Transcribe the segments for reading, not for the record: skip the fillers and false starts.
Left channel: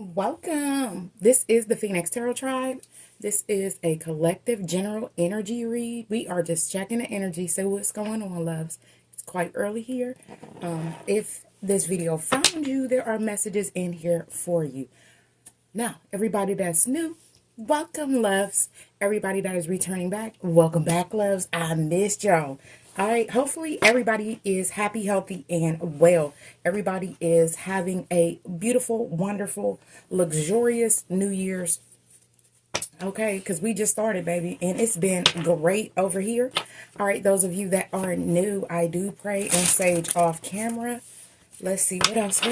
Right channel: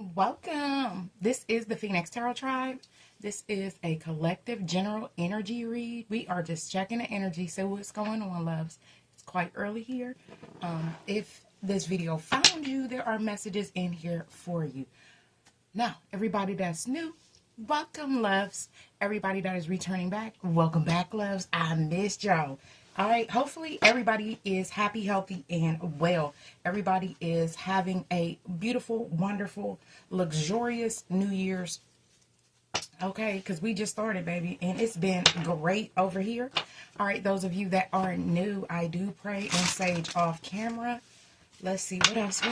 Welcome. This is the Phoenix Tarot Tribe. This is a collective general energy read. We are just checking the energy, so what's going on, loves. It's quite early here. If this video found you, there are messages in here for you. Now, everybody that's new, welcome, loves. Everybody that is returning back, welcome back, loves. I missed y'all. All right, hopefully everybody is happy, healthy, and well. Everybody is having a beautiful, wonderful, luxurious New Year's. Okay, because we just started, baby, and it's been great over here. All right, those of you that are new, I do pray and sage off camera. Let's see, what else,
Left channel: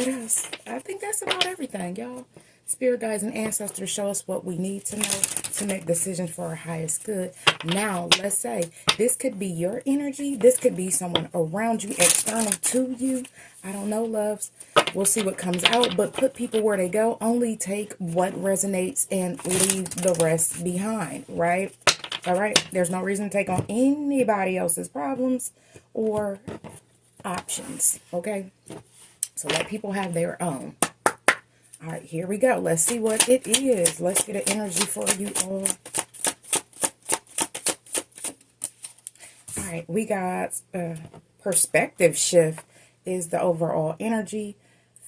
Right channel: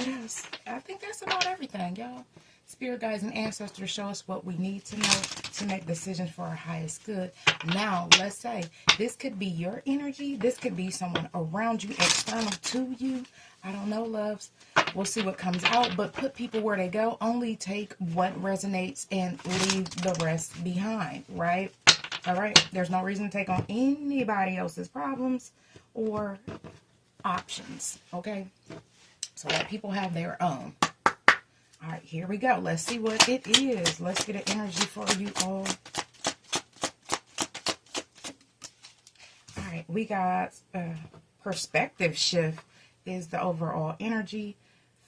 I think that's about everything, y'all. Spirit guides and ancestors show us what we need to know to make decisions for our highest good. Now, let's say this could be your energy. This could be someone around you, external to you. I don't know, loves. We'll see what comes out, but put people where they go. Only take what resonates and leave the rest behind, right? All right. There's no reason to take on anybody else's problems or options, okay? So let people have their own. All right, here we go. Let's see what it is. Let's get an energy for you all. All right, we got perspective shift is the overall energy.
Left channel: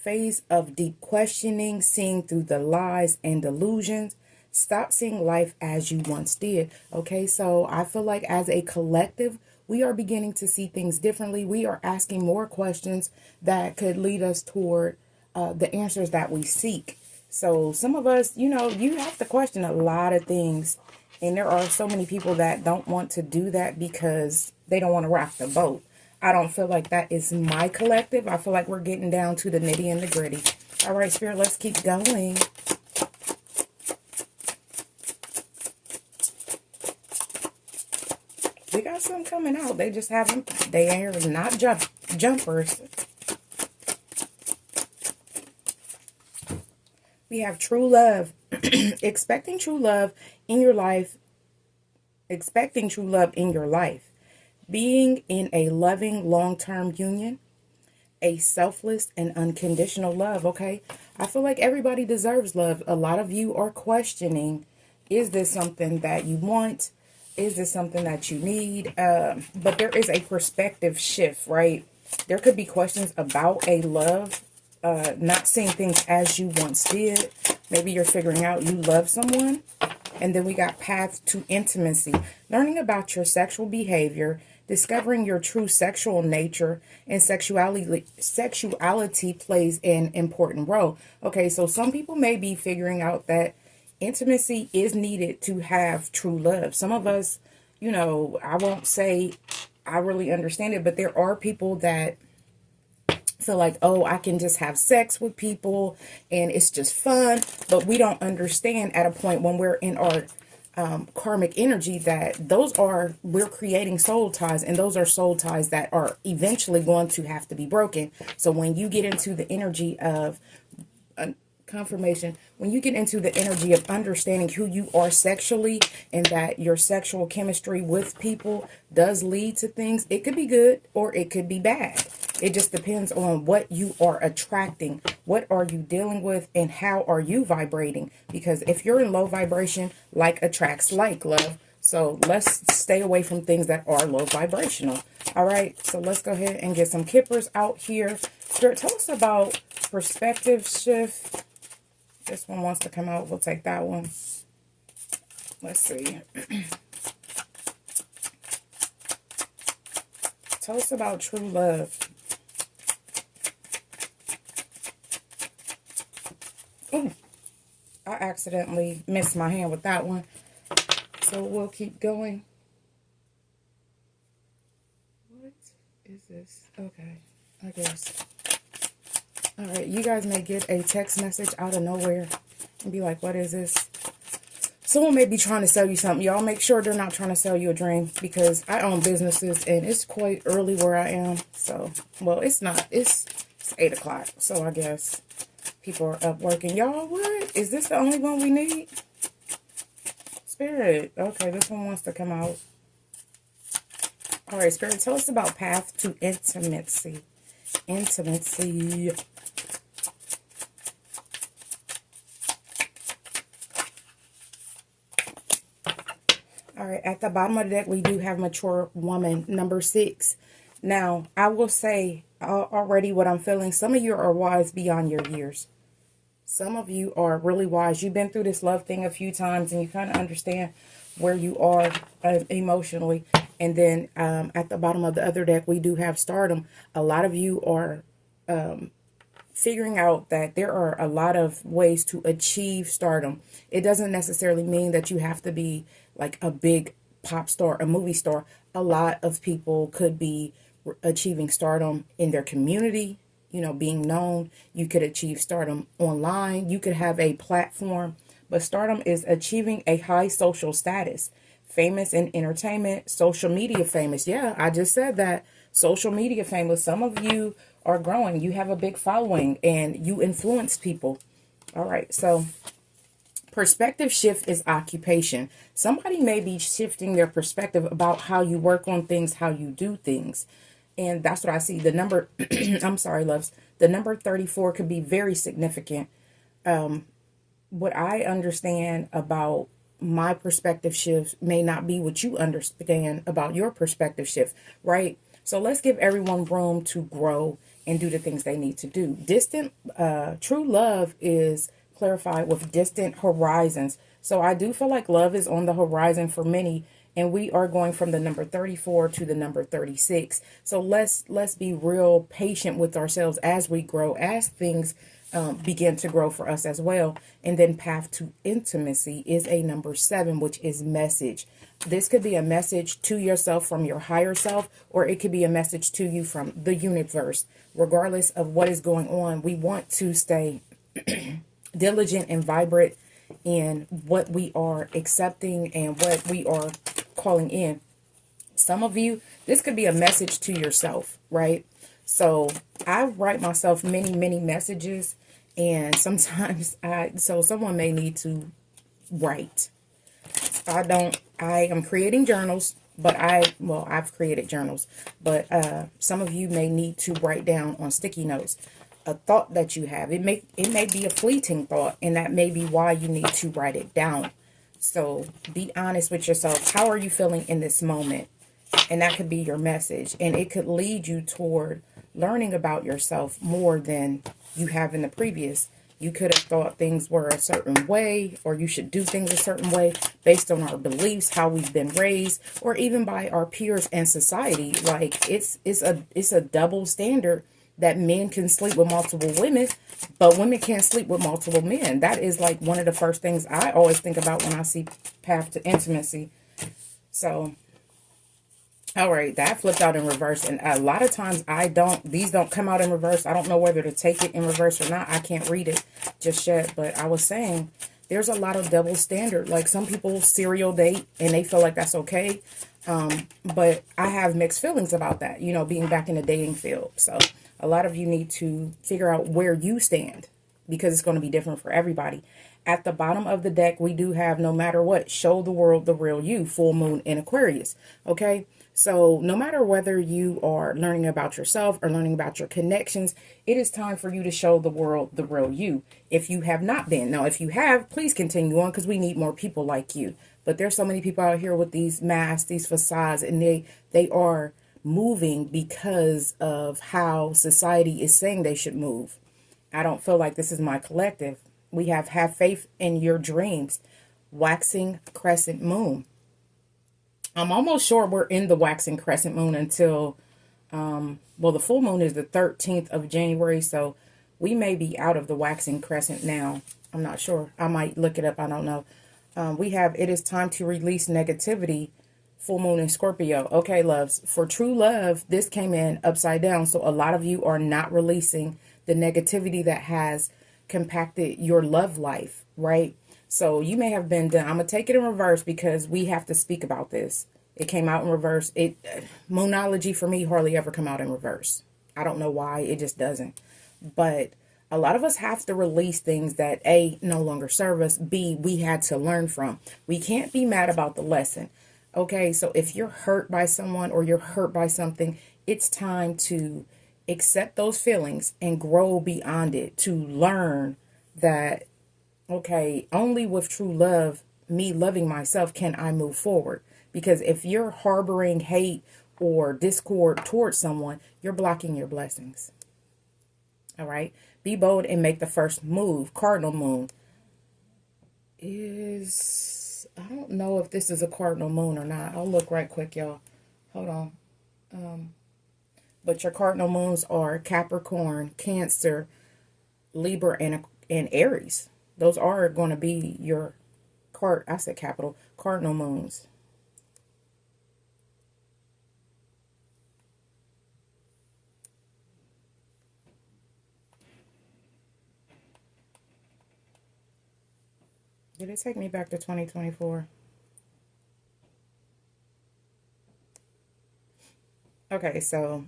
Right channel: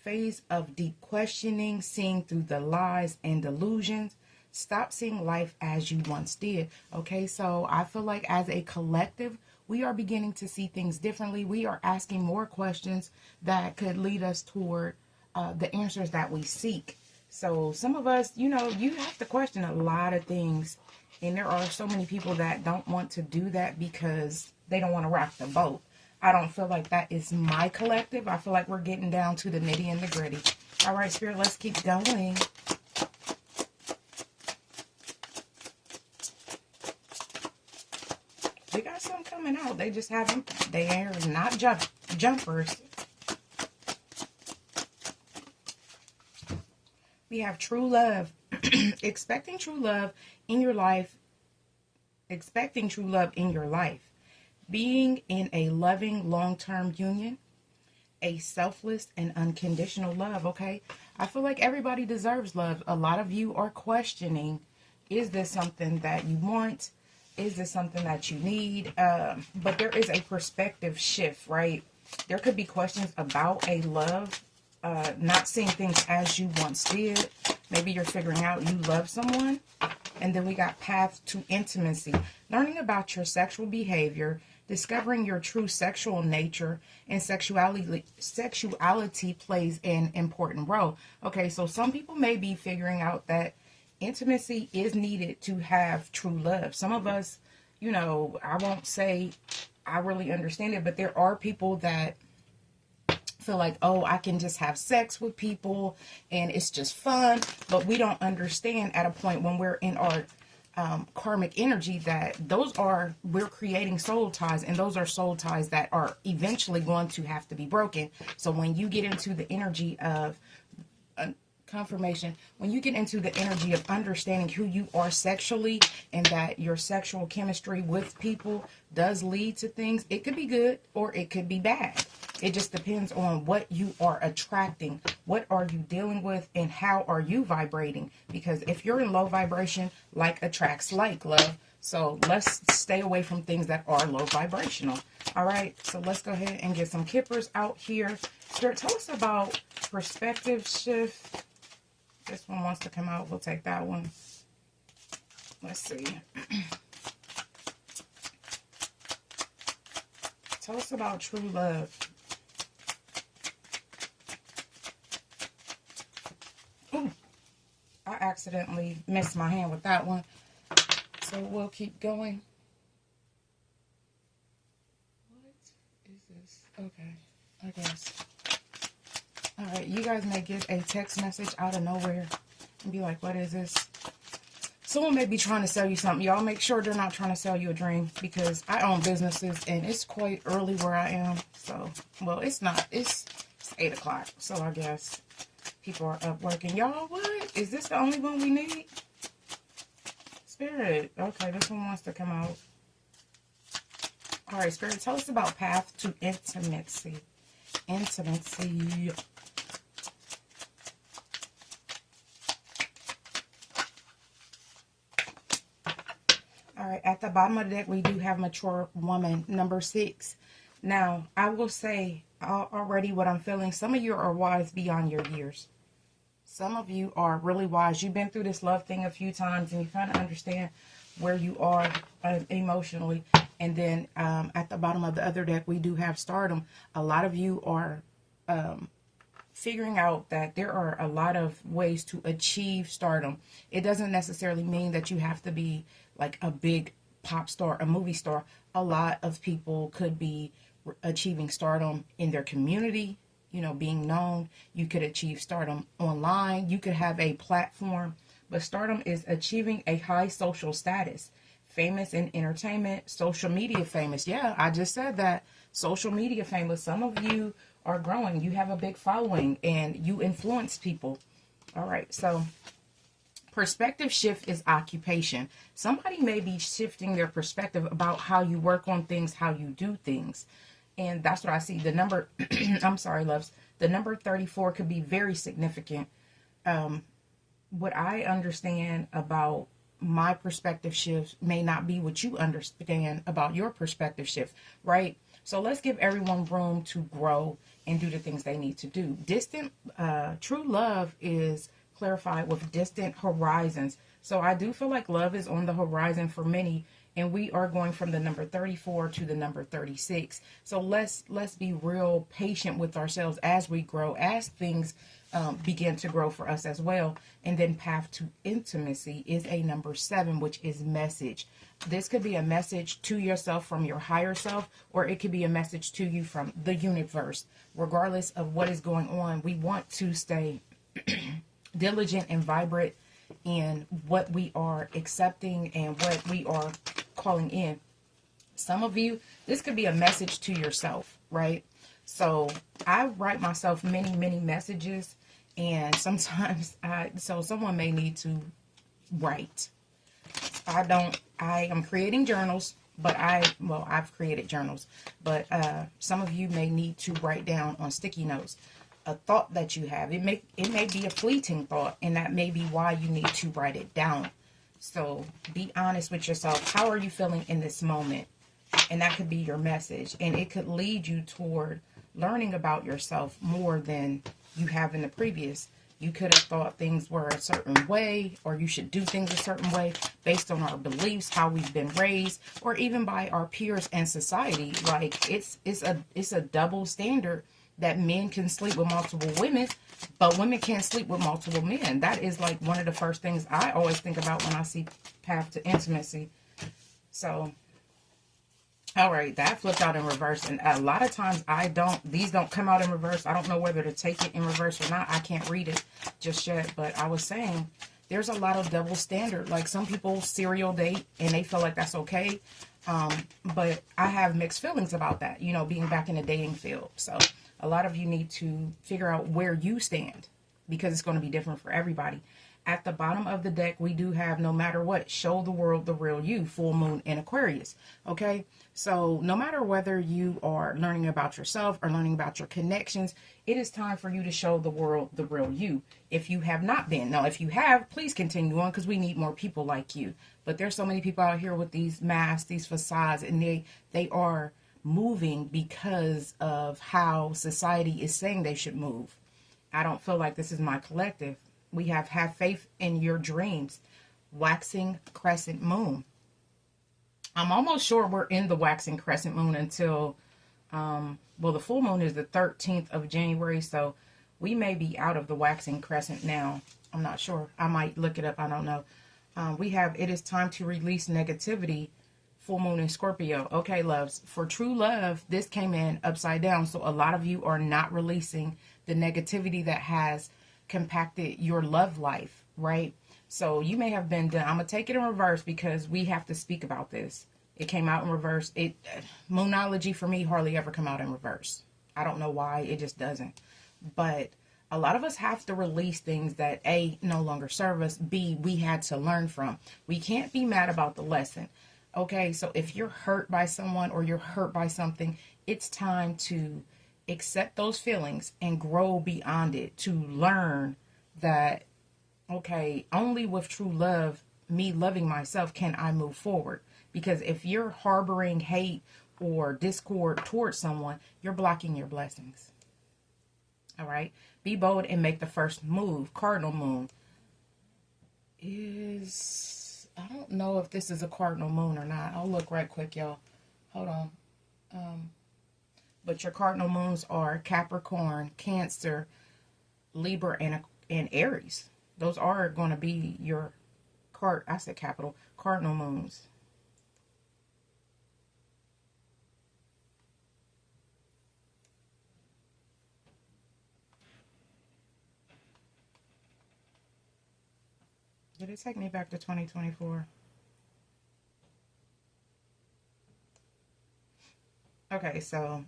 Phase of deep questioning, seeing through the lies and delusions. Stop seeing life as you once did. Okay, so I feel like as a collective, we are beginning to see things differently. We are asking more questions that could lead us toward the answers that we seek. So some of us, you know, you have to question a lot of things. And there are so many people that don't want to do that because they don't want to rock the boat. I don't feel like that is my collective. I feel like we're getting down to the nitty and the gritty. All right, Spirit, let's keep going. We got some coming out. They just haven't, they are not jumpers. We have true love. Expecting true love in your life. Expecting true love in your life. Being in a loving long-term union. A selfless and unconditional love, okay? I feel like everybody deserves love. A lot of you are questioning, is this something that you want? Is this something that you need? But there is a perspective shift, right? There could be questions about a love. Not seeing things as you once did. Maybe you're figuring out you love someone. And then we got path to intimacy. Learning about your sexual behavior. Discovering your true sexual nature. And sexuality plays an important role. Okay, so some people may be figuring out that intimacy is needed to have true love. Some of us, you know, I won't say I really understand it. But there are people that feel like, oh, I can just have sex with people and it's just fun. But we don't understand at a point when we're in our karmic energy that we're creating soul ties, and those are soul ties that are eventually going to have to be broken. So when you get into the energy of confirmation, when you get into the energy of understanding who you are sexually and that your sexual chemistry with people does lead to things, it could be good or it could be bad. It just depends on what you are attracting, what are you dealing with, and how are you vibrating. Because if you're in low vibration, like attracts like, love. So let's stay away from things that are low vibrational. All right, so let's go ahead and get some kippers out here. Spirit, tell us about perspective shift. This one wants to come out. We'll take that one. Let's see. Tell us about true love. Ooh, I accidentally missed my hand with that one. So we'll keep going. What is this? Okay, I guess. All right, you guys may get a text message out of nowhere and be like, what is this? Someone may be trying to sell you something. Y'all make sure they're not trying to sell you a dream, because I own businesses and it's quite early where I am. So, well, it's not. It's 8 o'clock. So I guess people are up working. Y'all, what? Is this the only one we need? Spirit. Okay, this one wants to come out. All right, Spirit, tell us about path to intimacy. Intimacy. All right, at the bottom of the deck, we do have mature woman, number 6. Now, I will say already what I'm feeling. Some of you are wise beyond your years. Some of you are really wise. You've been through this love thing a few times and you kind of understand where you are emotionally. And then at the bottom of the other deck, we do have stardom. A lot of you are figuring out that there are a lot of ways to achieve stardom. It doesn't necessarily mean that you have to be like a big pop star, a movie star. A lot of people could be achieving stardom in their community, you know, being known. You could achieve stardom online. You could have a platform, but stardom is achieving a high social status. Famous in entertainment, social media famous. Yeah, I just said that. Social media famous. Some of you are growing. You have a big following and you influence people. All right, so perspective shift is occupation. Somebody may be shifting their perspective about how you work on things, how you do things. And that's what I see. The number, I'm sorry, loves. The number 34 could be very significant. What I understand about my perspective shift may not be what you understand about your perspective shift, right? So let's give everyone room to grow and do the things they need to do. True love is clarified with distant horizons. So I do feel like love is on the horizon for many, and we are going from the number 34 to the number 36. So let's be real patient with ourselves as we grow, as things begin to grow for us as well. And then path to intimacy is a number 7, which is message. This could be a message to yourself from your higher self, or it could be a message to you from the universe. Regardless of what is going on, we want to stay diligent and vibrant in what we are accepting and what we are calling in. Some of you, this could be a message to yourself, right? So I write myself many messages, and sometimes so someone may need to write. I am creating journals, but I've created journals, but some of you may need to write down on sticky notes a thought that you have. It may be a fleeting thought, and that may be why you need to write it down. So be honest with yourself. How are you feeling in this moment? And that could be your message, and it could lead you toward learning about yourself more than you have in the previous. You could have thought things were a certain way, or you should do things a certain way based on our beliefs, how we've been raised, or even by our peers and society. Like it's a double standard that men can sleep with multiple women, but women can't sleep with multiple men. That is like one of the first things I always think about when I see path to intimacy. So, all right, that flipped out in reverse. And a lot of times these don't come out in reverse. I don't know whether to take it in reverse or not. I can't read it just yet. But I was saying there's a lot of double standard. Like some people serial date and they feel like that's okay. But I have mixed feelings about that, you know, being back in the dating field. So a lot of you need to figure out where you stand, because it's going to be different for everybody. At the bottom of the deck, we do have no matter what, show the world the real you, full moon in Aquarius. Okay. So no matter whether you are learning about yourself or learning about your connections, it is time for you to show the world the real you. If you have not been. Now, if you have, please continue on, because we need more people like you. But there's so many people out here with these masks, these facades, and they are moving because of how society is saying they should move. I don't feel like this is my collective. We have faith in your dreams. Waxing crescent moon. I'm almost sure we're in the waxing crescent moon until, the full moon is the 13th of January, so we may be out of the waxing crescent now. I'm not sure. I might look it up. I don't know. We have, it is time to release negativity, full moon in Scorpio. Okay, loves. For true love, this came in upside down, so a lot of you are not releasing the negativity that has compacted your love life, right? So you may have been done. I'm going to take it in reverse because we have to speak about this. It came out in reverse. Moonology for me hardly ever come out in reverse. I don't know why. It just doesn't. But a lot of us have to release things that A, no longer serve us. B, we had to learn from. We can't be mad about the lesson. Okay, so if you're hurt by someone or you're hurt by something, it's time to accept those feelings and grow beyond it, to learn that, okay, only with true love, me loving myself, can I move forward. Because if you're harboring hate or discord towards someone, you're blocking your blessings. All right. Be bold and make the first move. Cardinal moon is, I don't know if this is a cardinal moon or not. I'll look right quick, y'all. Hold on. But your cardinal moons are Capricorn, Cancer, Libra, and Aries. Those are going to be your cardinal moons. Did it take me back to 2024? Okay, so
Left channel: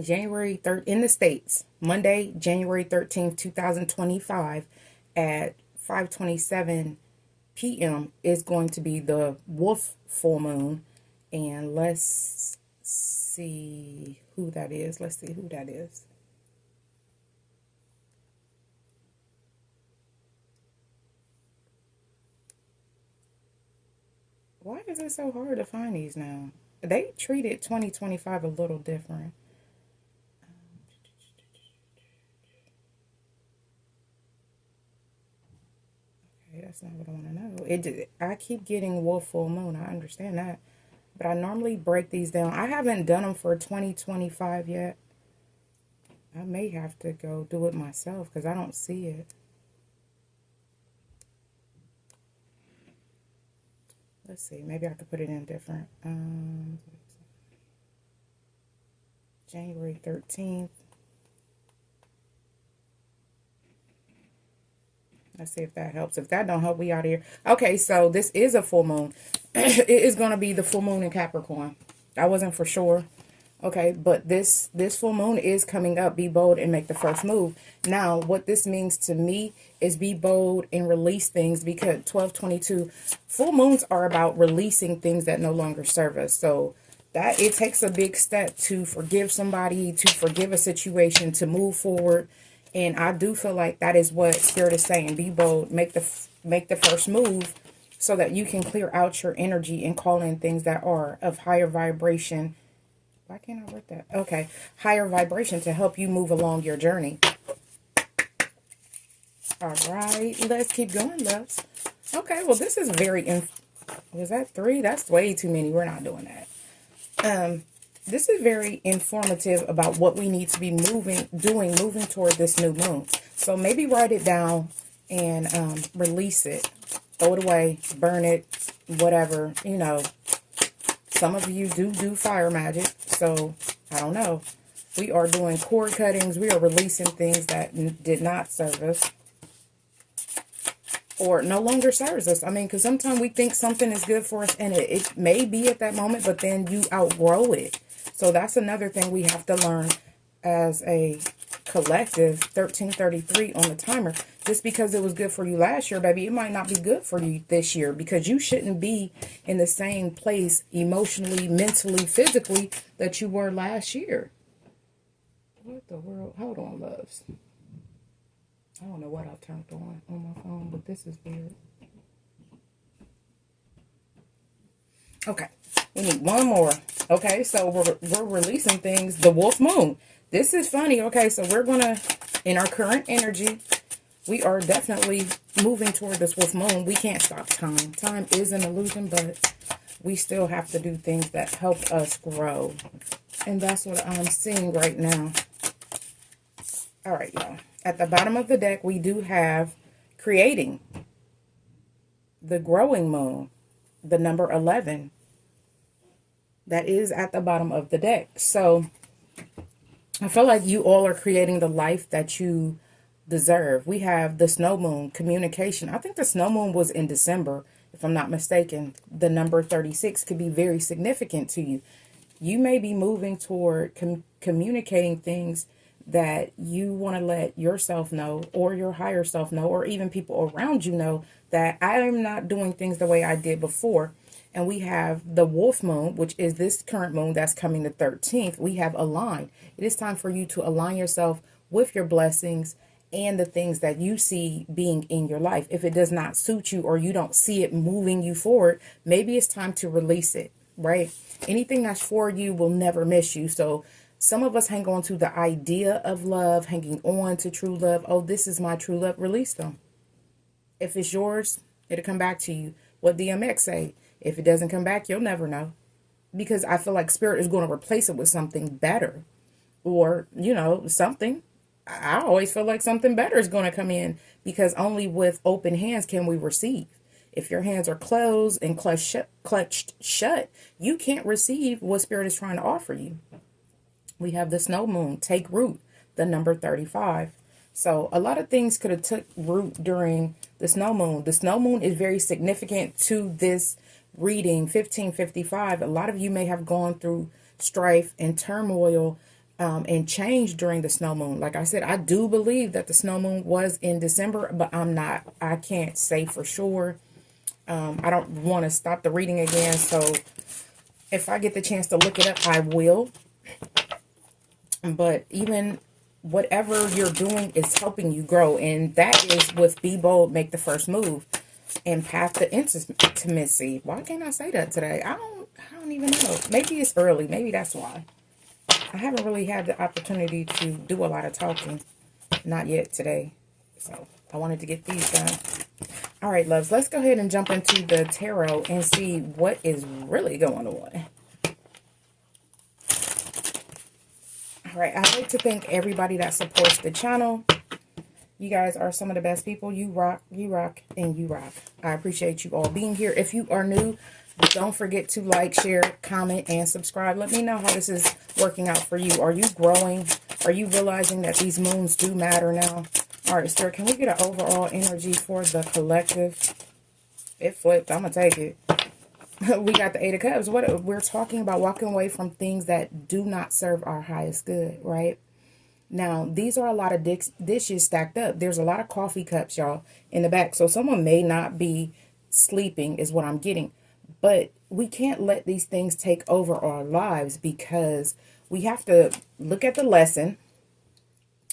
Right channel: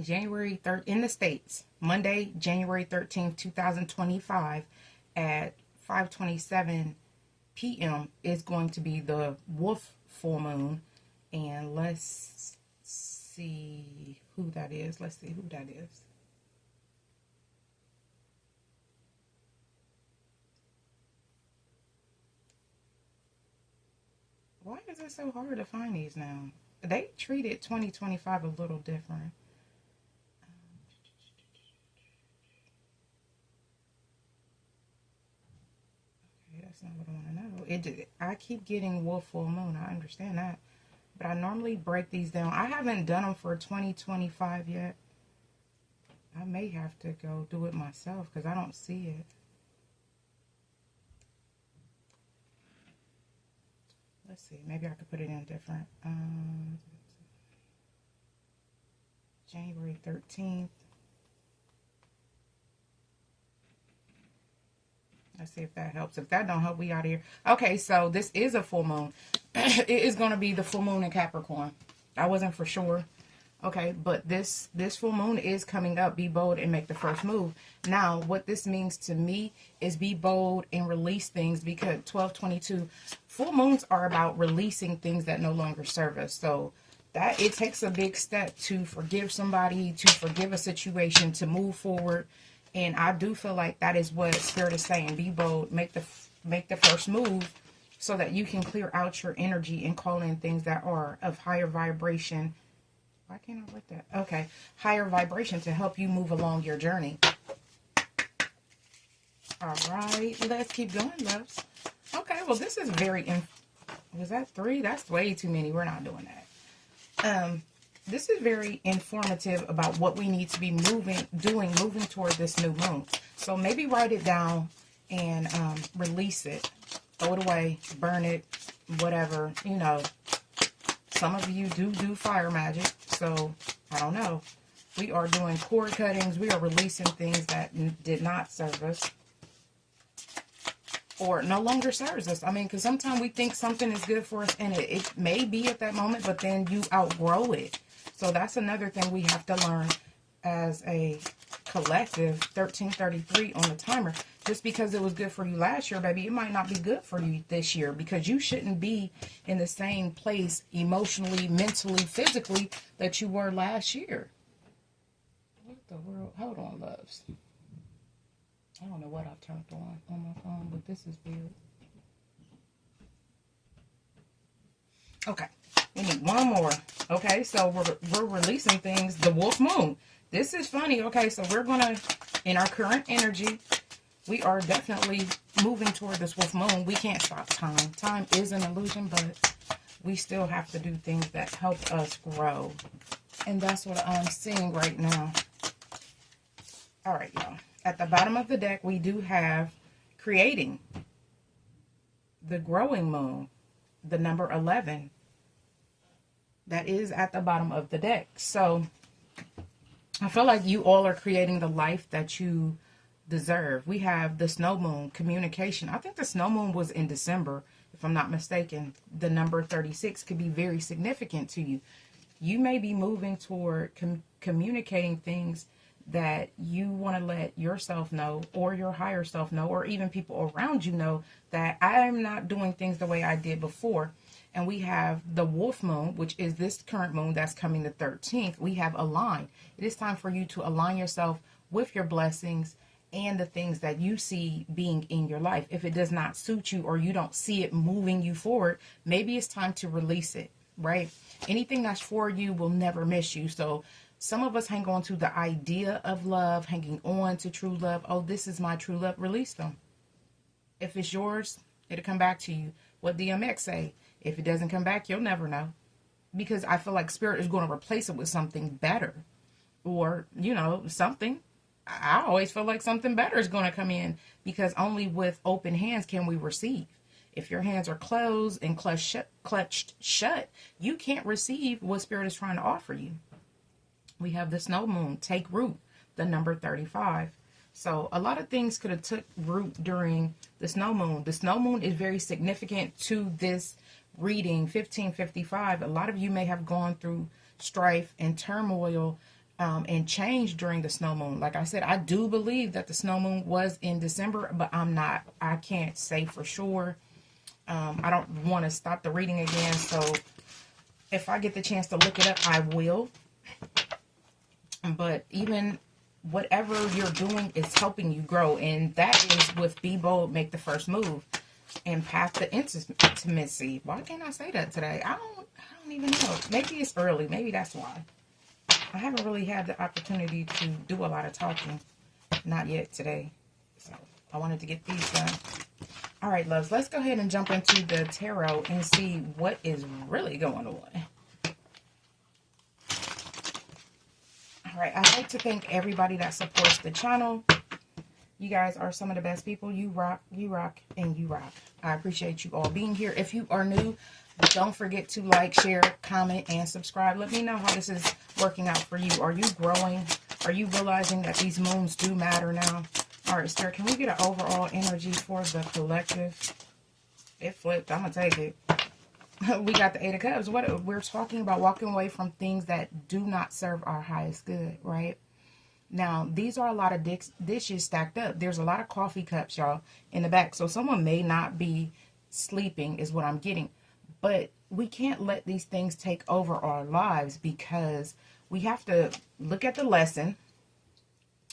January 3rd in the States, Monday, January 13th, 2025 at 5:27 p.m. is going to be the Wolf full moon. And let's see who that is. Let's see who that is. Why is it so hard to find these now? They treated 2025 a little different. Okay, that's not what I want to know. I keep getting Wolf full moon. I understand that. But I normally break these down. I haven't done them for 2025 yet. I may have to go do it myself because I don't see it. Let's see. Maybe I could put it in different. January 13th. Let's see if that helps. If that don't help, we out here. Okay, so this is a full moon. It is going to be the full moon in Capricorn. I wasn't for sure. Okay, but this full moon is coming up. Be bold and make the first move. Now, what this means to me is be bold and release things, because 12/22 full moons are about releasing things that no longer serve us. So that it takes a big step to forgive somebody, to forgive a situation, to move forward. And I do feel like that is what Spirit is saying. Be bold, make the first move, so that you can clear out your energy and call in things that are of higher vibration. Why can't I write that? Okay. Higher vibration to help you move along your journey. All right. Let's keep going, loves. Okay. Well, this is very... Was that 3? That's way too many. We're not doing that. This is very informative about what we need to be moving toward this new moon. So maybe write it down and release it. Throw it away. Burn it. Whatever. You know. Some of you do fire magic, so I don't know. We are doing cord cuttings. We are releasing things that did not serve us or no longer serves us. I mean, because sometimes we think something is good for us, and it may be at that moment, but then you outgrow it. So that's another thing we have to learn as a collective. 1333 on the timer. Just because it was good for you last year, baby, it might not be good for you this year, because you shouldn't be in the same place emotionally, mentally, physically that you were last year. What the world? Hold on, loves. I don't know what I've turned on my phone, but this is weird. Okay, we need one more. Okay, so we're releasing things. The Wolf Moon. This is funny. Okay, so we're gonna, in our current energy, we are definitely moving toward this Wolf Moon. We can't stop time. Time is an illusion, but we still have to do things that help us grow. And that's what I'm seeing right now. All right, y'all. At the bottom of the deck, we do have creating. The growing moon. The number 11. That is at the bottom of the deck. So I feel like you all are creating the life that you deserve. We have the snow moon, communication. I think the snow moon was in December, if I'm not mistaken. The number 36 could be very significant to you. You may be moving toward communicating things that you want to let yourself know, or your higher self know, or even people around you know, that I am not doing things the way I did before. And we have the Wolf Moon, which is this current moon that's coming the 13th. We have align. It is time for you to align yourself with your blessings and the things that you see being in your life. If it does not suit you or you don't see it moving you forward, maybe it's time to release it, right? Anything that's for you will never miss you. So some of us hang on to the idea of love, hanging on to true love. Oh, this is my true love. Release them. If it's yours, it'll come back to you. What DMX say? If it doesn't come back, you'll never know. Because I feel like spirit is going to replace it with something better. Or, something. I always feel like something better is going to come in, because only with open hands can we receive. If your hands are closed and clutched shut, you can't receive what spirit is trying to offer you. We have the snow moon, take root, the number 35. So a lot of things could have took root during the snow moon. The snow moon is very significant to this reading, 1555. A lot of you may have gone through strife and turmoil and change during the snow moon. Like I said, I do believe that the snow moon was in December, but I can't say for sure. I don't want to stop the reading again. So if I get the chance to look it up, I will. But even whatever you're doing is helping you grow. And that is with be bold, make the first move, and path to intimacy. Why can't I say that today? I don't even know. Maybe it's early. Maybe that's why. I haven't really had the opportunity to do a lot of talking. Not yet today. So I wanted to get these done. All right, loves. Let's go ahead and jump into the tarot and see what is really going on. All right. I'd like to thank everybody that supports the channel. You guys are some of the best people. You rock, and you rock. I appreciate you all being here. If you are new, don't forget to like, share, comment, and subscribe. Let me know how this is working out for you. Are you growing? Are you realizing that these moons do matter now? All right, sir, can we get an overall energy for the collective? It flipped. I'm going to take it. We got the Eight of Cups. What we're talking about, walking away from things that do not serve our highest good, right? Now, these are a lot of dishes stacked up. There's a lot of coffee cups, y'all, in the back. So someone may not be sleeping is what I'm getting. But we can't let these things take over our lives, because we have to look at the lesson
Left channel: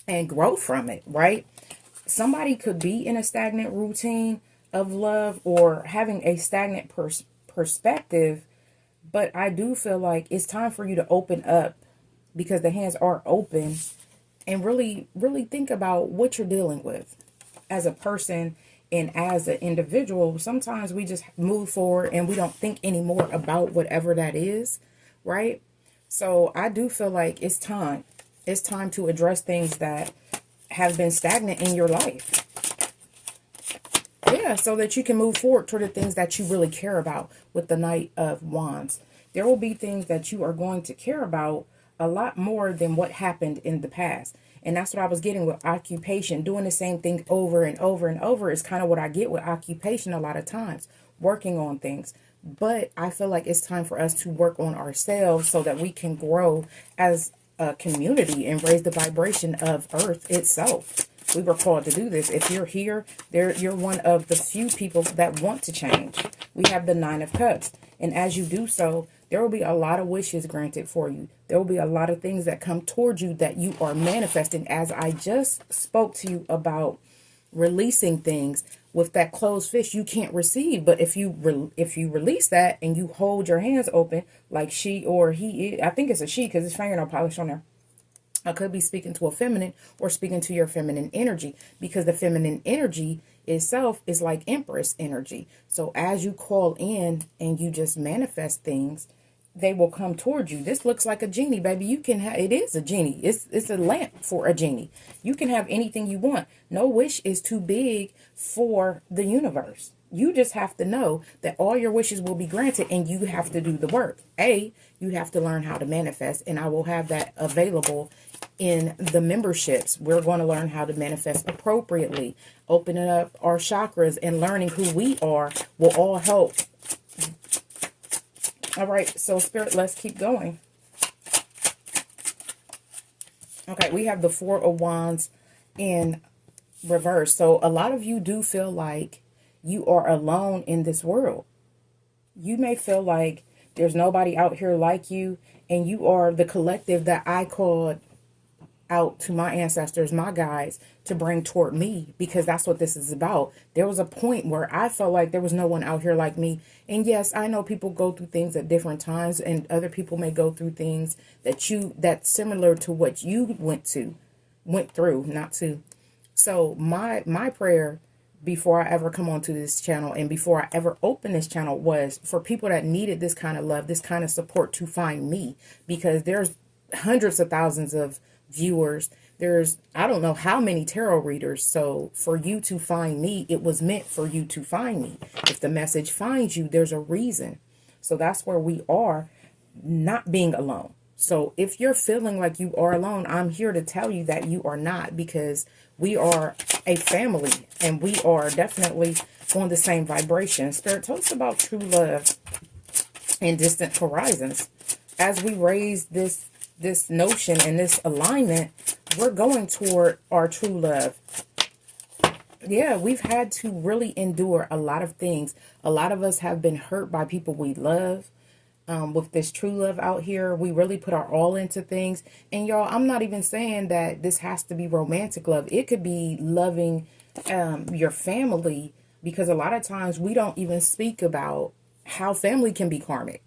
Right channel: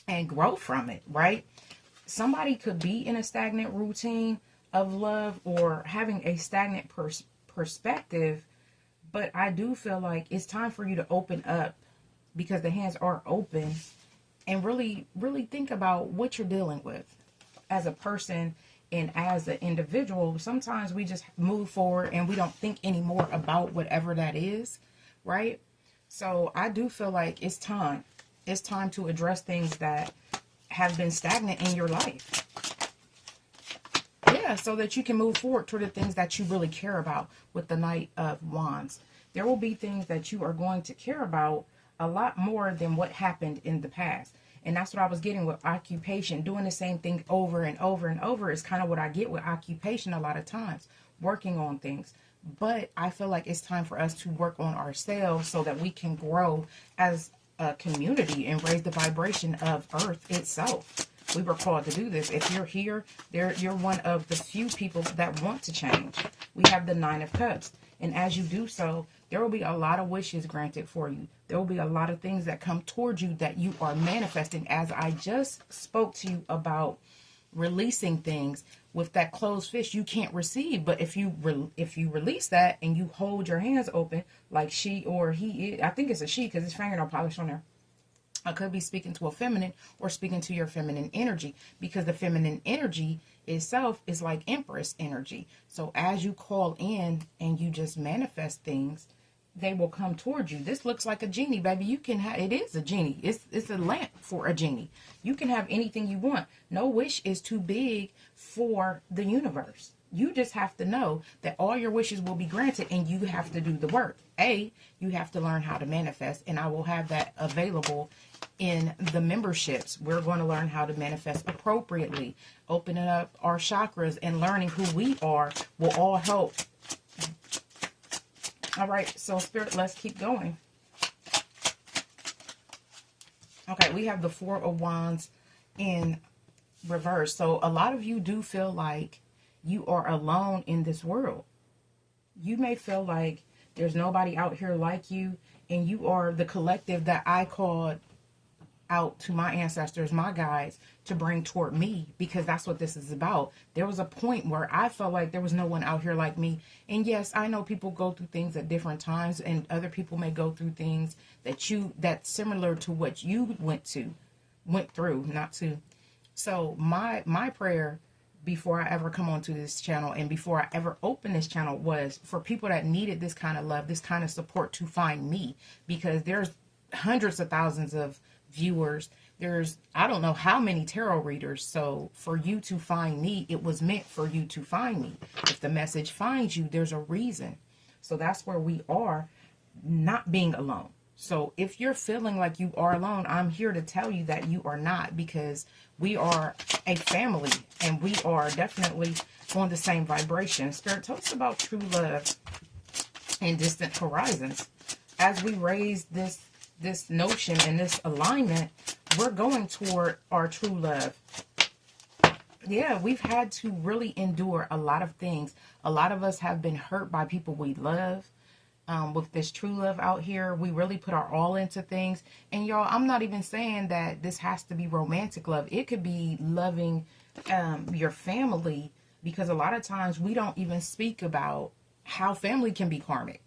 and grow from it, right? Somebody could be in a stagnant routine of love or having a stagnant perspective. But I do feel like it's time for you to open up, because the hands are open, and really, really think about what you're dealing with as a person. And as an individual, sometimes we just move forward and we don't think anymore about whatever that is, right? So I do feel like it's time. It's time to address things that have been stagnant in your life. Yeah, so that you can move forward toward the things that you really care about with the Knight of Wands. There will be things that you are going to care about a lot more than what happened in the past. And that's what I was getting with occupation. Doing the same thing over and over and over is kind of what I get with occupation a lot of times. Working on things. But I feel like it's time for us to work on ourselves so that we can grow as a community and raise the vibration of Earth itself. We were called to do this. If you're here, you're one of the few people that want to change. We have the Nine of Cups. And as you do so, there will be a lot of wishes granted for you. There will be a lot of things that come towards you that you are manifesting. As I just spoke to you about releasing things, with that closed fist, you can't receive. But if you release that and you hold your hands open, like she or he, I think it's a she because it's fingernail polish on there. I could be speaking to a feminine or speaking to your feminine energy, because the feminine energy itself is like Empress energy. So as you call in and you just manifest things, they will come towards you. This looks like a genie, baby. You can have, it is a genie. It's a lamp for a genie. You can have anything you want. No wish is too big for the universe. You just have to know that all your wishes will be granted, and you have to do the work. You have to learn how to manifest, and I will have that available in the memberships. We're going to learn how to manifest appropriately. Opening up our chakras and learning who we are will all help. All right, so Spirit, let's keep going. Okay, we have the Four of Wands in reverse. So a lot of you do feel like you are alone in this world. You may feel like there's nobody out here like you, and you are the collective that I called out to my ancestors, my guides, to bring toward me, because that's what this is about. There was a point where I felt like there was no one out here like me. And yes, I know people go through things at different times, and other people may go through things that's similar to what you went through, not to. So my prayer before I ever come onto this channel and before I ever open this channel was for people that needed this kind of love, this kind of support, to find me, because there's hundreds of thousands of viewers. There's, I don't know how many tarot readers. So for you to find me, it was meant for you to find me. If the message finds you, there's a reason. So that's where we are, not being alone. So if you're feeling like you are alone, I'm here to tell you that you are not, because we are a family and we are definitely on the same vibration. Spirit, tell us about true love and distant horizons. As we raise this notion and this alignment, we're going toward our true love. Yeah, we've had to really endure a lot of things. A lot of us have been hurt by people we love. With this true love out here, we really put our all into things. And y'all, I'm not even saying that this has to be romantic love. It could be loving your family, because a lot of times we don't even speak about how family can be karmic.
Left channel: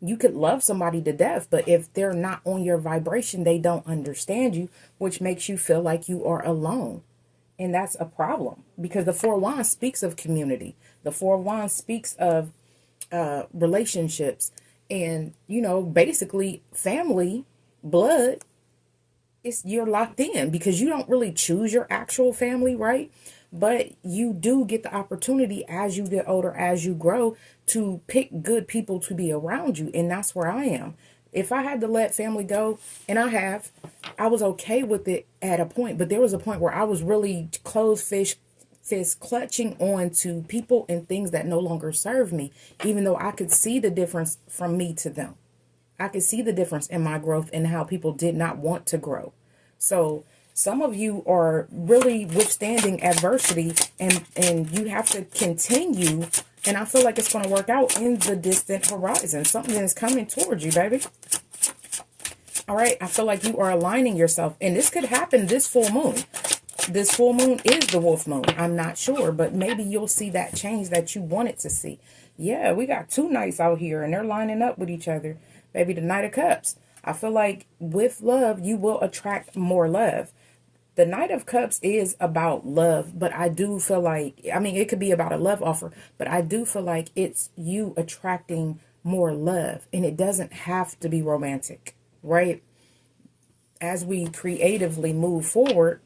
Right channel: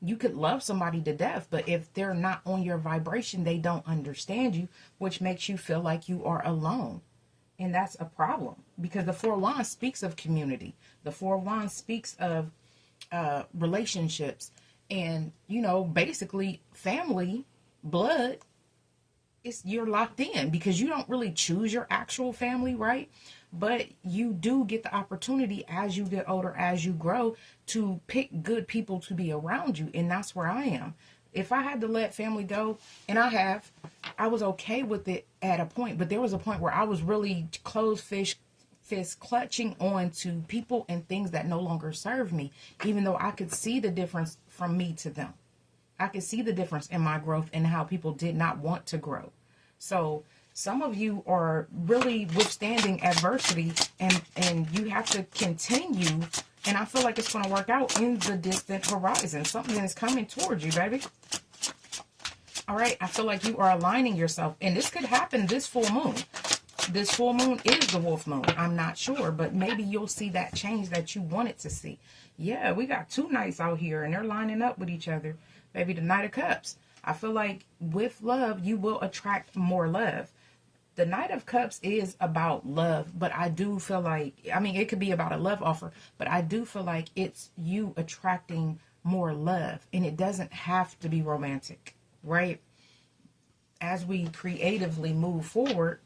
You could love somebody to death, but if they're not on your vibration, they don't understand you, which makes you feel like you are alone. And that's a problem, because the Four of Wands speaks of community. The Four of Wands speaks of relationships, and basically family, blood. You're locked in, because you don't really choose your actual family, right? But you do get the opportunity as you get older, as you grow, to pick good people to be around you. And that's where I am. If I had to let family go, and I was okay with it at a point, but there was a point where I was really closed fist clutching on to people and things that no longer serve me, even though I could see the difference from me to them. I could see the difference in my growth and how people did not want to grow. So some of you are really withstanding adversity, and you have to continue. And I feel like it's going to work out in the distant horizon. Something is coming towards you, baby. All right. I feel like you are aligning yourself, and this could happen this full moon. This full moon is the wolf moon. I'm not sure, but maybe you'll see that change that you wanted to see. Yeah, we got two knights out here, and they're lining up with each other. Baby, the Knight of Cups. I feel like with love, you will attract more love. The Knight of Cups is about love, but I do feel like, it could be about a love offer, but I do feel like it's you attracting more love, and it doesn't have to be romantic, right? As we creatively move forward,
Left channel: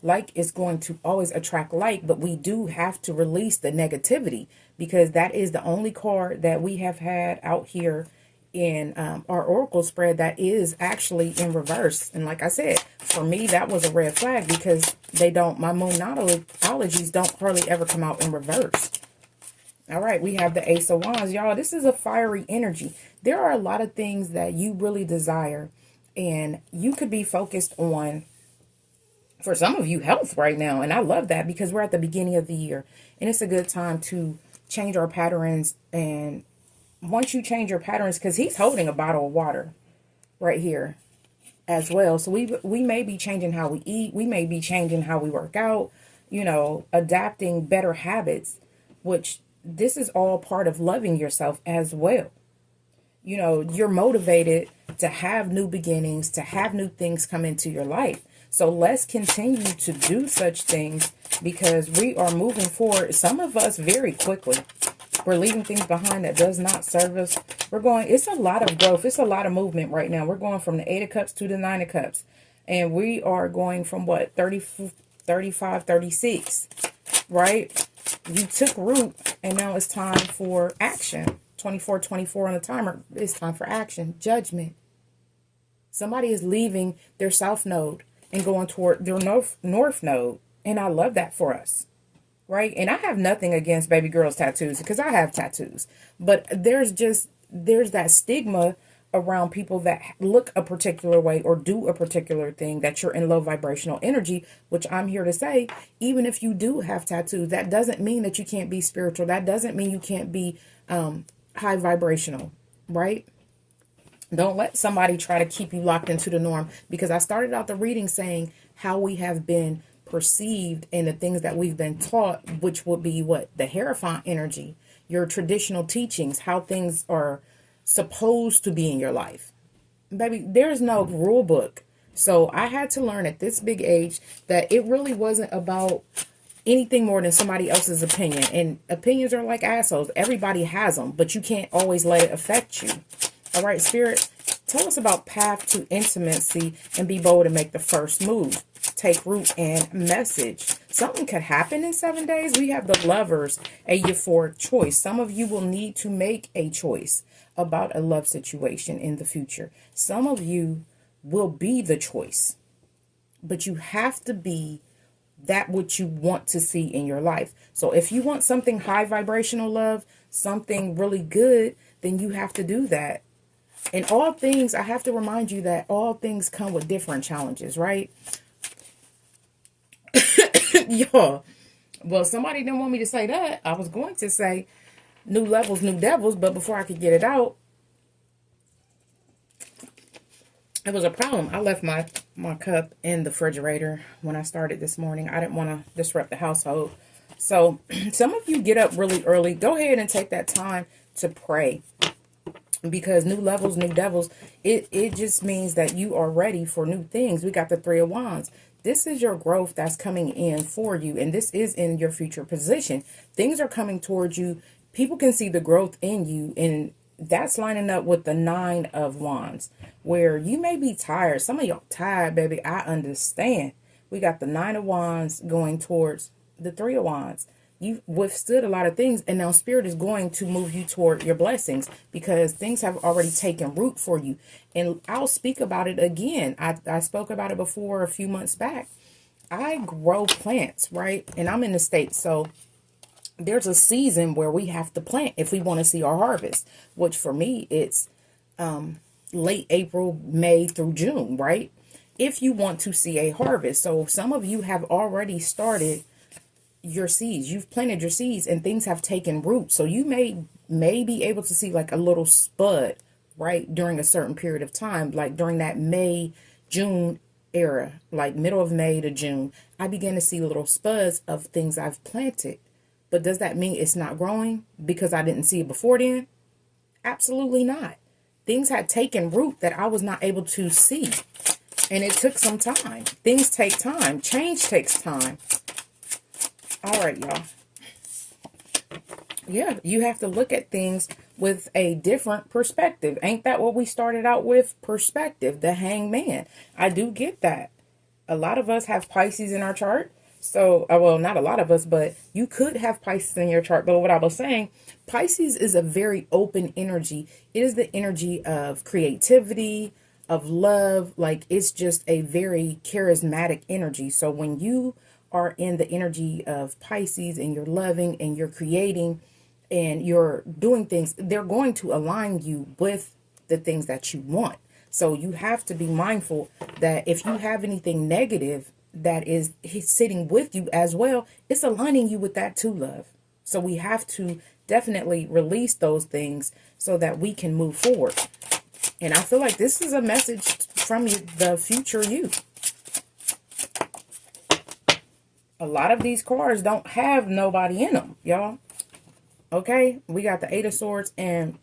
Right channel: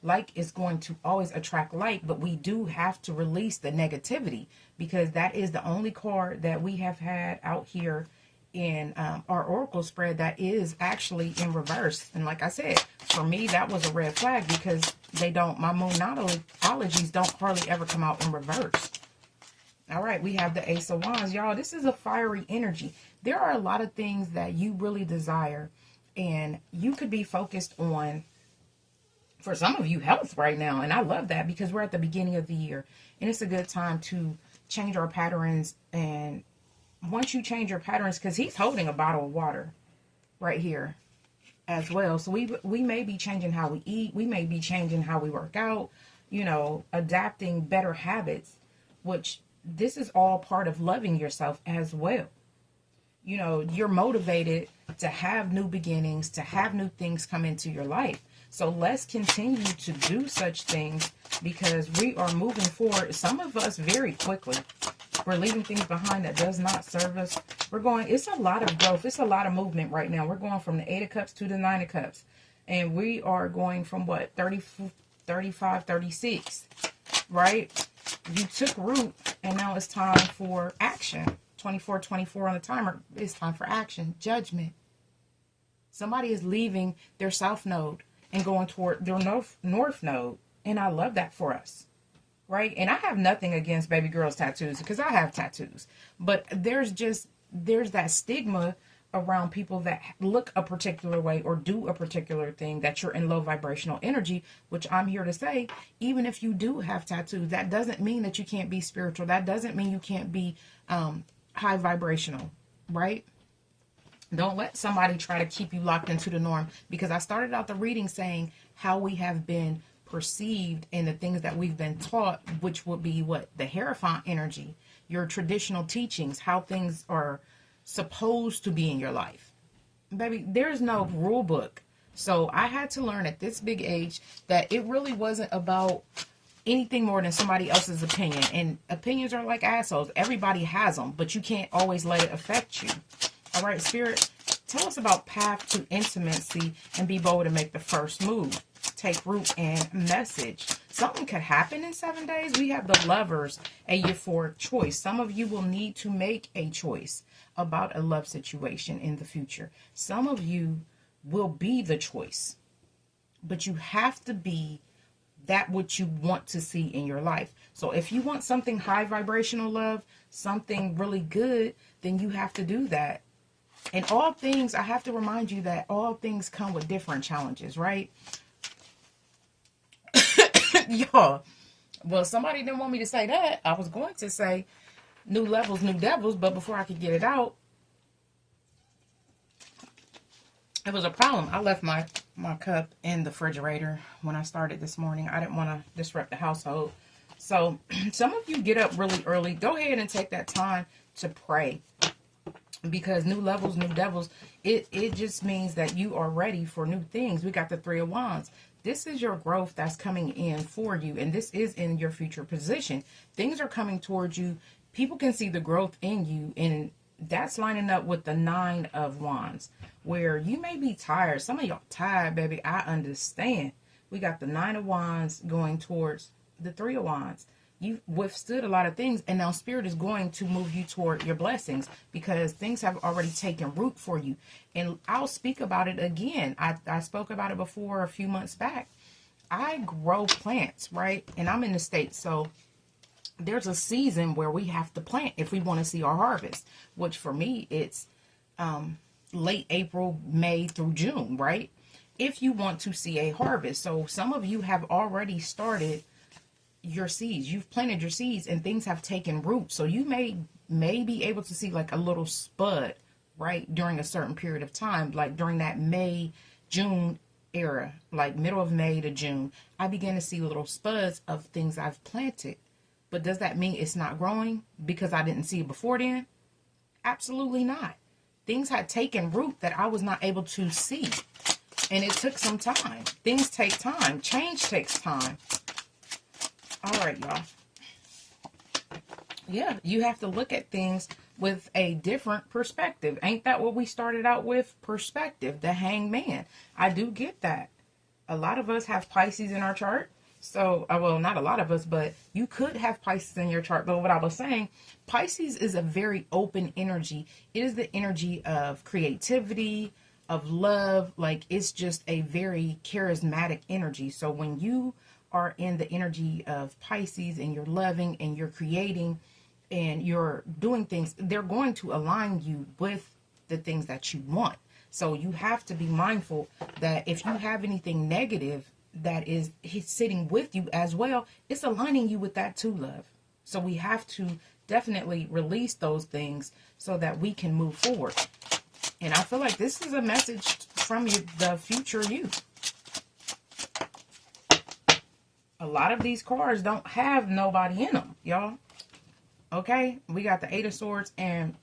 like is going to always attract like, but we do have to release the negativity, because that is the only card that we have had out here in our oracle spread that is actually in reverse. And like I said, for me, that was a red flag, because my moonologies don't hardly ever come out in reverse. All right, we have the Ace of Wands. Y'all, this is a fiery energy. There are a lot of things that you really desire, and you could be focused on, for some of you, health right now. And I love that, because we're at the beginning of the year, and it's a good time to change our patterns. And once you change your patterns, because he's holding a bottle of water right here as well. So we may be changing how we eat. We may be changing how we work out, adapting better habits, which this is all part of loving yourself as well. You're motivated to have new beginnings, to have new things come into your life. So let's continue to do such things, because we are moving forward. Some of us very quickly. We're leaving things behind that does not serve us. It's a lot of growth. It's a lot of movement right now. We're going from the 8 of Cups to the 9 of Cups. And we are going from what? 30, 35, 36, right? You took root, and now it's time for action. 24, 24 on the timer. It's time for action. Judgment. Somebody is leaving their south node and going toward their north node. And I love that for us. Right? And I have nothing against baby girls' tattoos, because I have tattoos. But there's that stigma around people that look a particular way or do a particular thing, that you're in low vibrational energy, which I'm here to say, even if you do have tattoos, that doesn't mean that you can't be spiritual. That doesn't mean you can't be high vibrational, right? Don't let somebody try to keep you locked into the norm, because I started out the reading saying how we have been perceived and the things that we've been taught, which would be what? The Hierophant energy, your traditional teachings, how things are supposed to be in your life. Baby, there's no rule book. So I had to learn at this big age that it really wasn't about anything more than somebody else's opinion. And opinions are like assholes. Everybody has them, but you can't always let it affect you. All right, Spirit, tell us about path to intimacy and be bold to make the first move. Take root and message. Something could happen in 7 days. We have the Lovers, a euphoric choice. Some of you will need to make a choice about a love situation in the future. Some of you will be the choice, but you have to be that what you want to see in your life. So if you want something high vibrational love, something really good, then you have to do that. And all things, I have to remind you that all things come with different challenges, right? Y'all, well, somebody didn't want me to say that. I was going to say new levels, new devils, but before I could get it out, it was a problem. I left my cup in the refrigerator when I started this morning. I didn't want to disrupt the household. So some of you get up really early. Go ahead and take that time to pray. Because new levels, new devils, it just means that you are ready for new things. We got the Three of Wands. This is your growth that's coming in for you. And this is in your future position. Things are coming towards you. People can see the growth in you. And that's lining up with the Nine of Wands. Where you may be tired. Some of y'all tired, baby. I understand. We got the Nine of Wands going towards the Three of Wands. You've withstood a lot of things, and now Spirit is going to move you toward your blessings because things have already taken root for you. And I'll speak about it again. I spoke about it before a few months back. I grow plants, right? And I'm in the States, so there's a season where we have to plant if we want to see our harvest, which for me, it's late April, May through June, right? If you want to see a harvest. So some of you have already started your seeds. You've planted your seeds and things have taken root. So you may be able to see like a little spud, right, during a certain period of time, like during that May, June era, like middle of May to June. I began to see little spuds of things I've planted. But does that mean it's not growing because I didn't see it before then? Absolutely not. Things had taken root that I was not able to see. And it took some time. Things take time. Change takes time. All right, y'all. Yeah, you have to look at things with a different perspective. Ain't that what we started out with? Perspective, the hangman. I do get that. A lot of us have Pisces in our chart. So, well, not a lot of us, but you could have Pisces in your chart. But what I was saying, Pisces is a very open energy. It is the energy of creativity, of love. Like, it's just a very charismatic energy. So when you are in the energy of Pisces and you're loving and you're creating and you're doing things, they're going to align you with the things that you want. So you have to be mindful that if you have anything negative that is sitting with you as well, it's aligning you with that too, love. So we have to definitely release those things so that we can move forward. And I feel like this is a message from the future you. A lot of these cards don't have nobody in them, y'all. Okay? We got the Eight of Swords and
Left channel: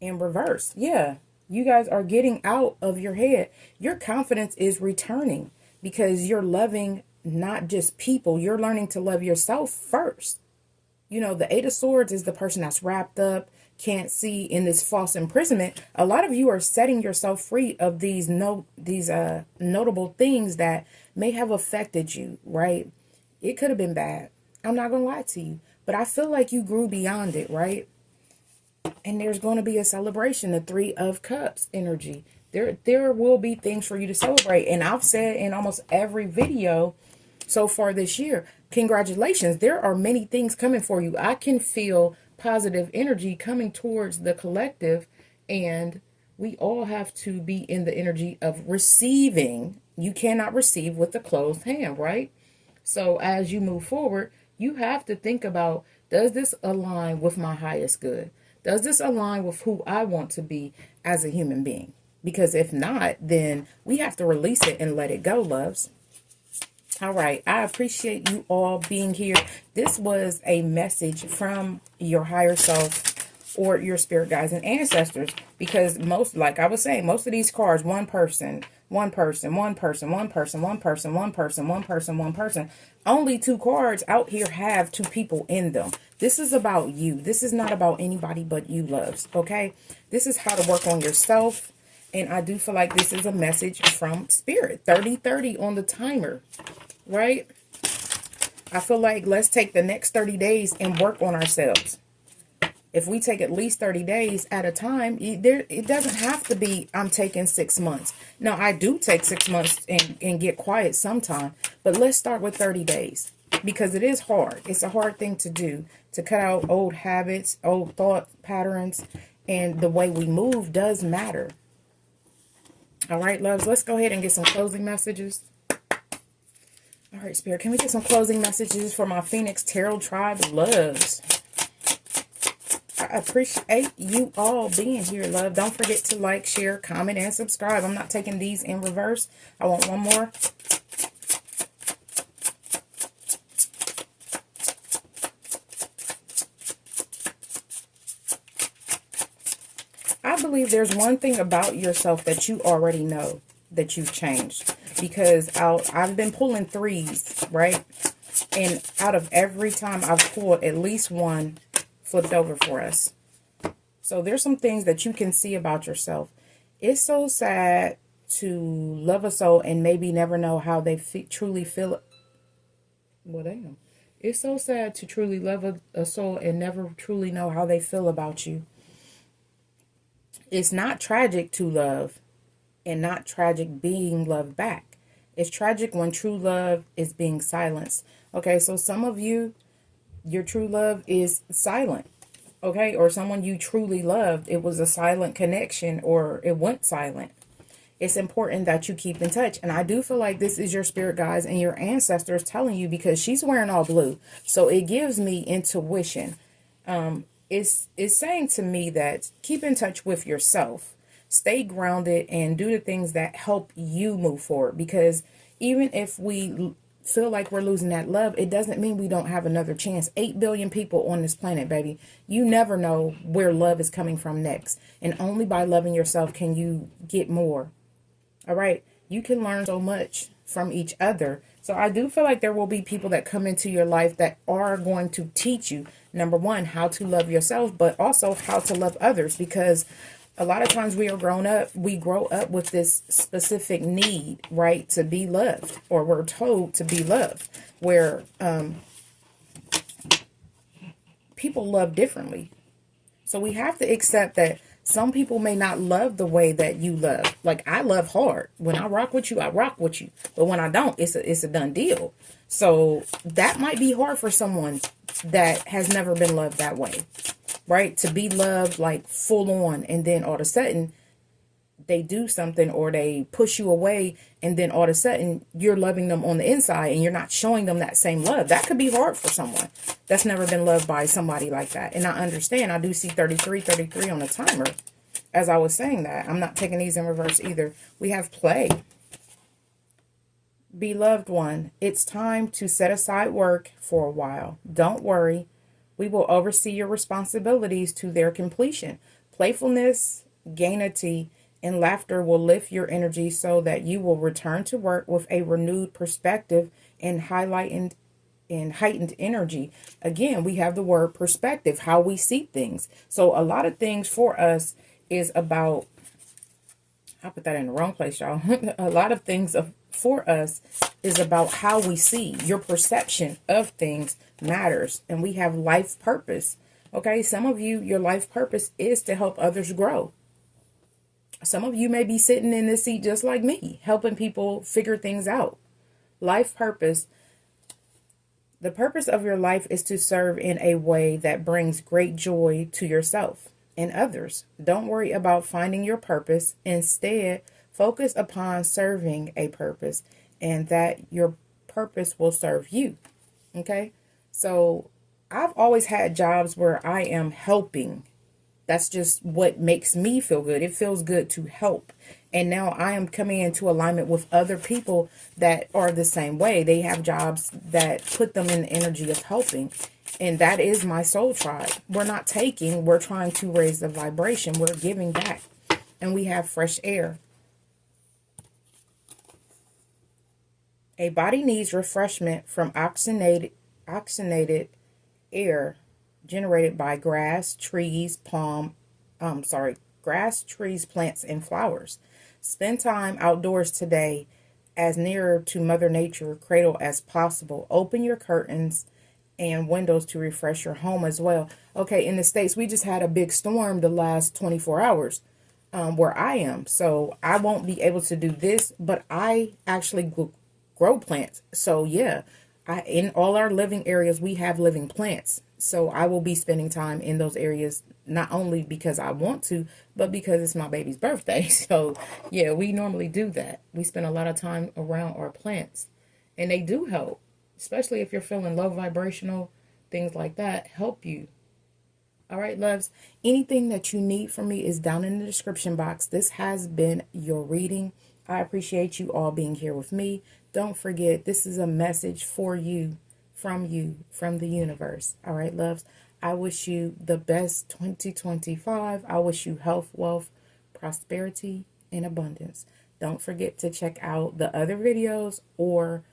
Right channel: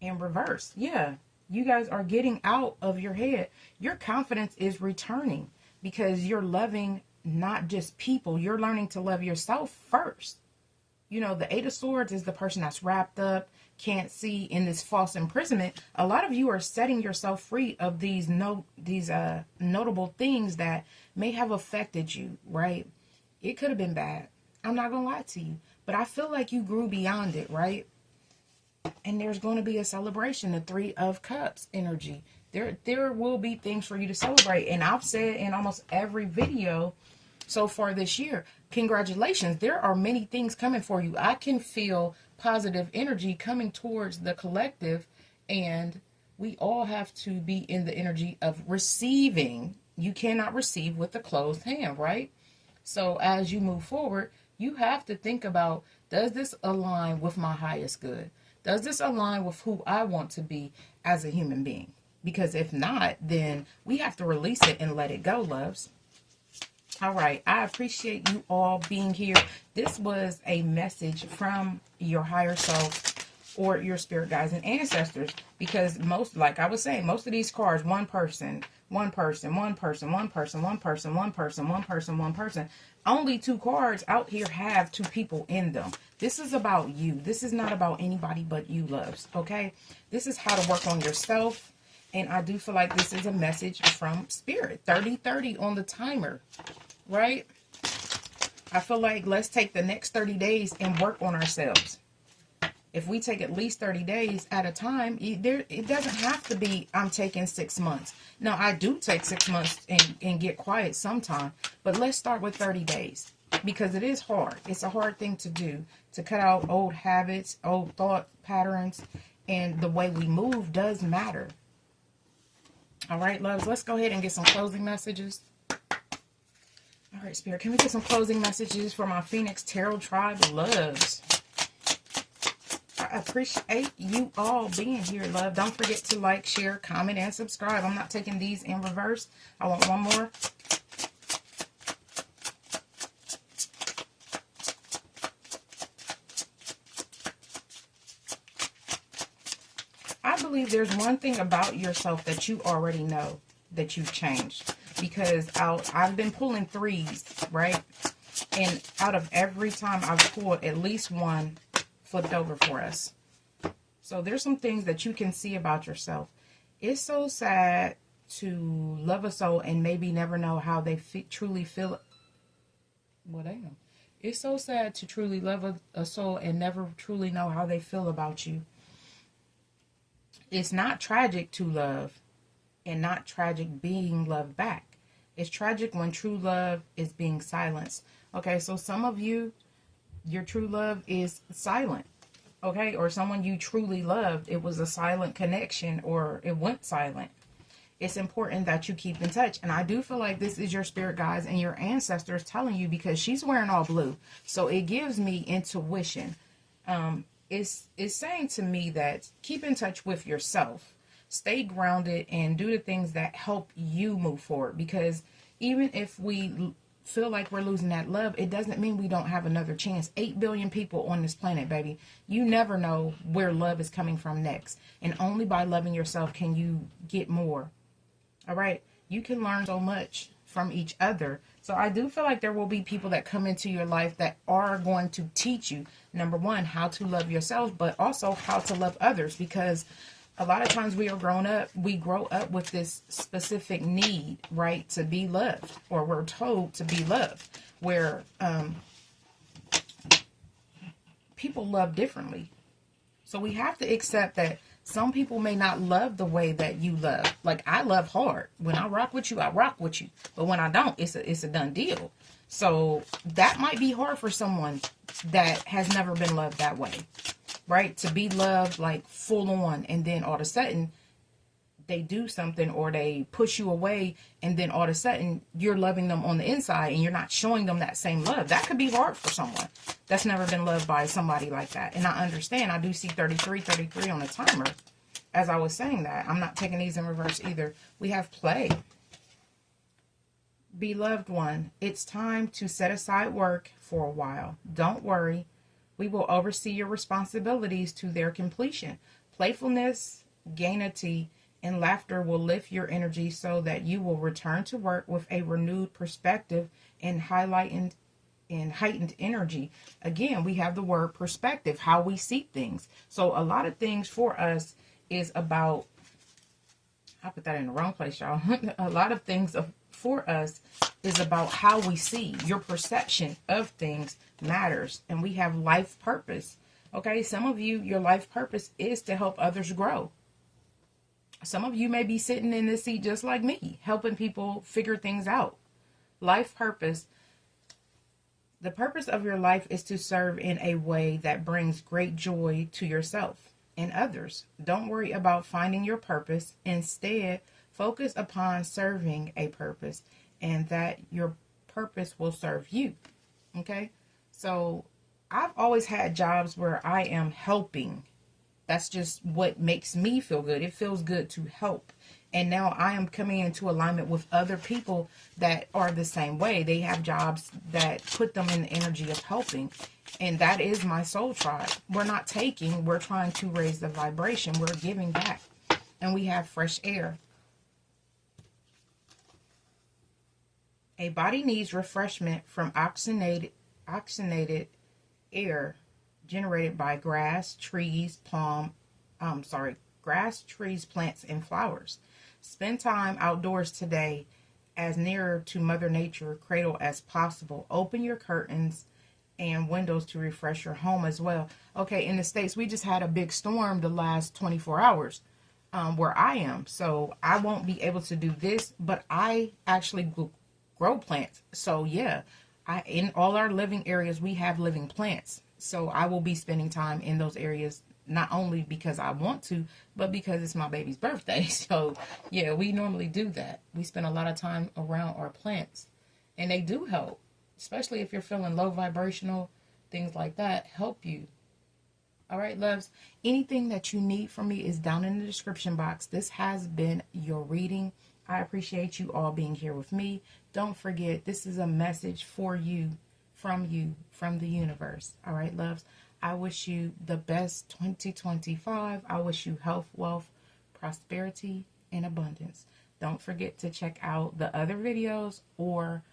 in reverse. Yeah. You guys are getting out of your head. Your confidence is returning because you're loving not just people. You're learning to love yourself first. You know, the Eight of Swords is the person that's wrapped up, can't see, in this false imprisonment. A lot of you are setting yourself free of these notable things that may have affected you, right? It could have been bad. I'm not going to lie to you. But I feel like you grew beyond it, right? And there's going to be a celebration, the Three of Cups energy. There will be things for you to celebrate. And I've said in almost every video so far this year, congratulations. There are many things coming for you. I can feel positive energy coming towards the collective. And we all have to be in the energy of receiving. You cannot receive with a closed hand, right? So as you move forward, you have to think about, does this align with my highest good? Does this align with who I want to be as a human being? Because if not, then we have to release it and let it go, loves. All right. I appreciate you all being here. This was a message from your higher self or your spirit guides and ancestors, because most, like I was saying, most of these cards, one person, one person, one person, one person, one person, one person, one person, one person. Only 2 cards out here have 2 people in them. This is about you. This is not about anybody but you, loves. Okay? This is how to work on yourself. And I do feel like this is a message from spirit. 30-30 on the timer. Right? I feel like let's take the next 30 days and work on ourselves. If we take at least 30 days at a time, it doesn't have to be, I'm taking 6 months. Now, I do take 6 months and get quiet sometime. But let's start with 30 days. Because it is hard. It's a hard thing to do. To cut out old habits, old thought patterns. And the way we move does matter. All right, loves. Let's go ahead and get some closing messages. All right, Spirit. Can we get some closing messages for my Phoenix Tarot Tribe loves? I appreciate you all being here, love. Don't forget to like, share, comment, and subscribe. I'm not taking these in reverse. I want one more. I believe there's one thing about yourself that you already know that you've changed. Because I've been pulling 3s, right? And out of every time I've pulled, at least one flipped over for us. So there's some things that you can see about yourself. It's so sad to love a soul and maybe never know how they truly feel. Well, damn. It's so sad to truly love a soul and never truly know how they feel about you. It's not tragic to love and not tragic being loved back. It's tragic when true love is being silenced. Okay, so some of you, your true love is silent. Okay, or someone you truly loved, it was a silent connection or it went silent. It's important that you keep in touch. And I do feel like this is your spirit guides and your ancestors telling you, because she's wearing all blue. So it gives me intuition. It's saying to me that keep in touch with yourself. Stay grounded and do the things that help you move forward. Because even if we feel like we're losing that love, it doesn't mean we don't have another chance. 8 billion people on this planet, baby. You never know where love is coming from next. And only by loving yourself can you get more. All right? You can learn so much from each other. So I do feel like there will be people that come into your life that are going to teach you, number one, how to love yourself, but also how to love others. Because a lot of times we grow up with this specific need, right, to be loved, or we're told to be loved, where people love differently. So we have to accept that some people may not love the way that you love. Like, I love hard. When I rock with you, I rock with you. But when I don't, it's a done deal. So that might be hard for someone that has never been loved that way. Right? To be loved like full on, and then all of a sudden they do something or they push you away, and then all of a sudden you're loving them on the inside and you're not showing them that same love. That could be hard for someone that's never been loved by somebody like that. And I understand. I do see 33 on the timer. As I was saying that, I'm not taking these in reverse either. We have play. Beloved one, it's time to set aside work for a while. Don't worry. We will oversee your responsibilities to their completion. Playfulness, gaiety, and laughter will lift your energy so that you will return to work with a renewed perspective and heightened energy. Again, we have the word perspective, how we see things. So a lot of things for us is about, I put that in the wrong place, y'all. A lot of things for us is about how we see. Your perception of things matters, and we have life purpose. Okay, some of you, your life purpose is to help others grow. Some of you may be sitting in this seat just like me, helping people figure things out. Life purpose. The purpose of your life is to serve in a way that brings great joy to yourself and others. Don't worry about finding your purpose. Instead, focus upon serving a purpose, and that your purpose will serve you. Okay? So I've always had jobs where I am helping That's just what makes me feel good. It feels good to help. And now I am coming into alignment with other people that are the same way. They have jobs that put them in the energy of helping. And that is my soul tribe. We're not taking, we're trying to raise the vibration. We're giving back. And we have fresh air. A body needs refreshment from oxygenated air generated by grass, trees, grass, trees, plants, and flowers. Spend time outdoors today as nearer to Mother Nature cradle as possible. Open your curtains and windows to refresh your home as well. Okay, in the States, we just had a big storm the last 24 hours where I am. So I won't be able to do this, but I actually grow plants. So yeah, in all our living areas, we have living plants. So I will be spending time in those areas, not only because I want to, but because it's my baby's birthday. So yeah, we normally do that. We spend a lot of time around our plants, and they do help, especially if you're feeling low vibrational, things like that help you. All right, loves, anything that you need from me is down in the description box. This has been your reading. I appreciate you all being here with me. Don't forget, this is a message for you, from the universe. All right, loves, I wish you the best 2025. I wish you health, wealth, prosperity, and abundance. Don't forget to check out the other videos or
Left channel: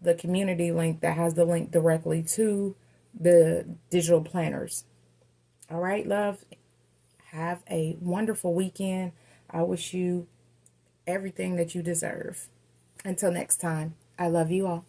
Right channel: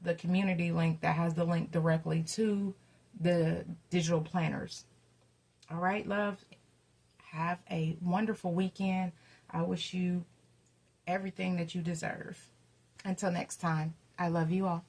the community link that has the link directly to the digital planners. All right, love, have a wonderful weekend. I wish you everything that you deserve. Until next time, I love you all.